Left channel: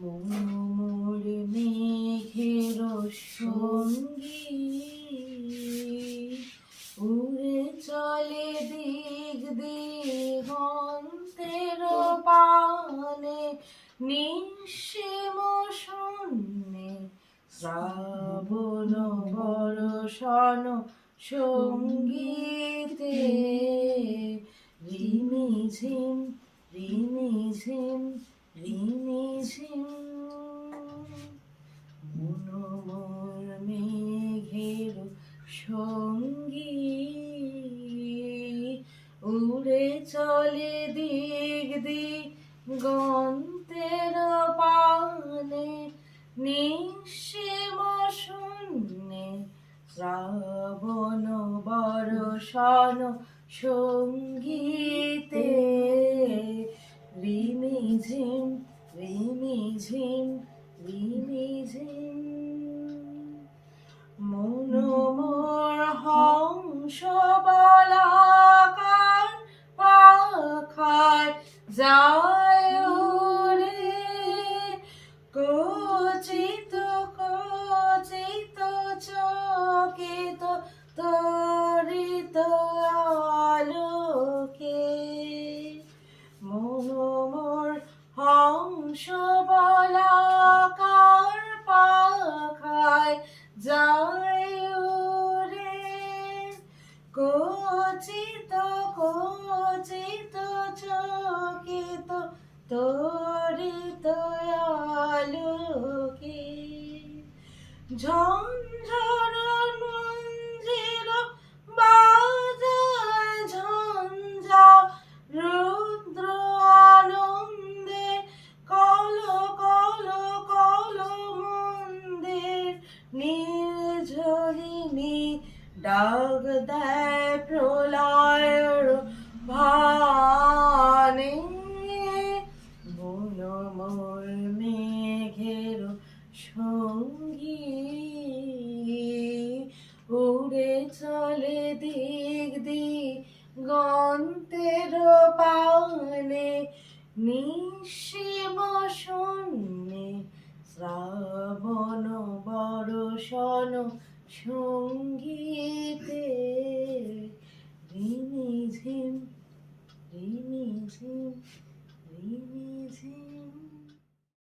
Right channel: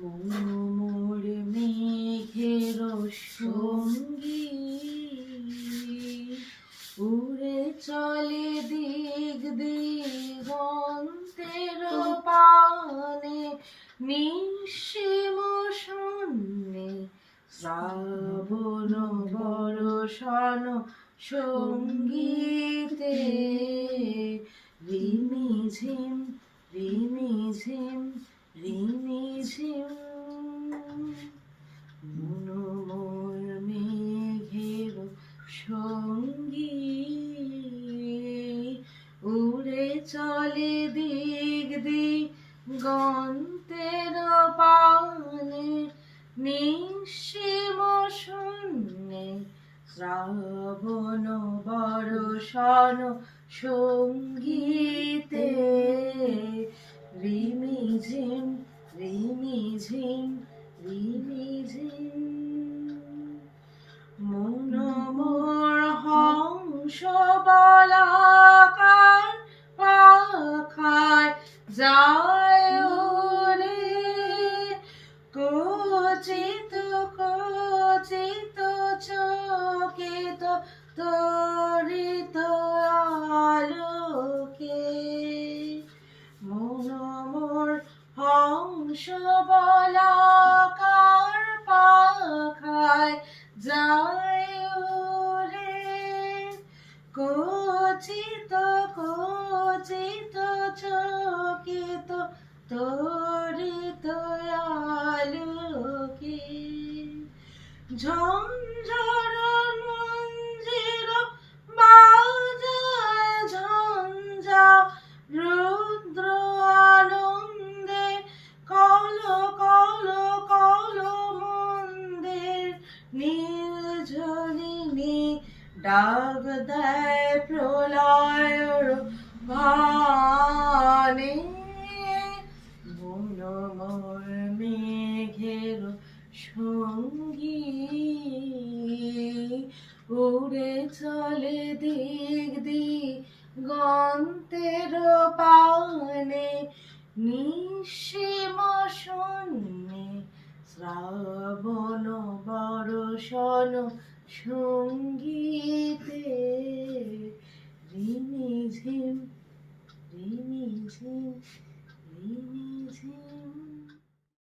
মন মোর মেঘের সঙ্গী, উড়ে চলে দিক দিগন্তের পানে, নিঃসীম শূন্যে শ্রাবণ বর্ষণ সঙ্গীতে। রিমিঝিম রিমিঝিম রিমিঝিম, মন মোর মেঘের সঙ্গী, উড়ে চলে দিক দিগন্তের পানে, নিঃসীম শূন্যে শ্রাবণ বর্ষণ সঙ্গীতে। রিমিঝিম রিমিঝিম রিমিঝিম, মন মোর হংস বলাকার পাখায় যায় উড়ে, কচিত কচিত চকিত তরিত আলোকে। মন মোর হংস বলাকার পাখায় যায় উড়ে, কচিত কচিত চকিত তরিত আলোকে। ঝঞ্ঝর মঞ্জির বাজায় ঝঞ্ঝা, রুদ্র আনন্দে কল কল কল মন্দির, নির্ঝরিণী ডাক দেয় প্রলয়ের ভানে। মন মোর মেঘের সঙ্গী, উড়ে চলে দিক দিগন্তের পানে, নিঃসীম শূন্যে শ্রাবণ বর্ষণ সঙ্গীতে। রিমিঝিম রিমিঝিম রিমিঝিম।